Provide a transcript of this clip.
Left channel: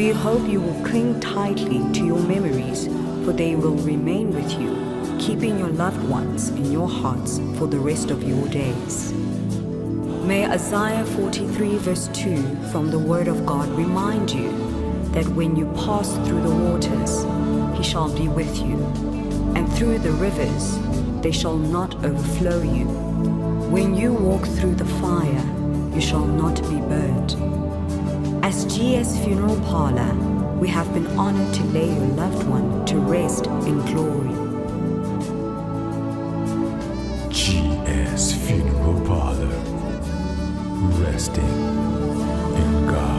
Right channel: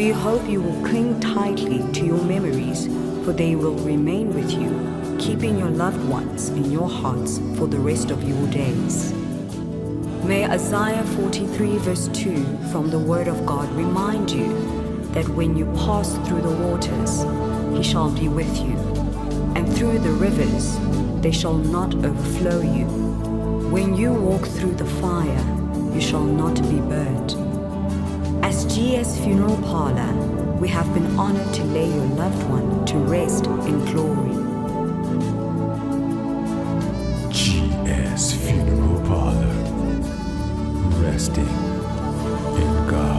We hope you will cling tightly to your memories, for they will remain with you, keeping your loved ones in your hearts for the rest of your days. May Isaiah 43 verse 2 from the Word of God remind you that when you pass through the waters, He shall be with you, and through the rivers, they shall not overflow you. When you walk through the fire, you shall not be burned. As GS Funeral Parlor, we have been honored to lay your loved one to rest in glory. GS Funeral Parlor. resting in God.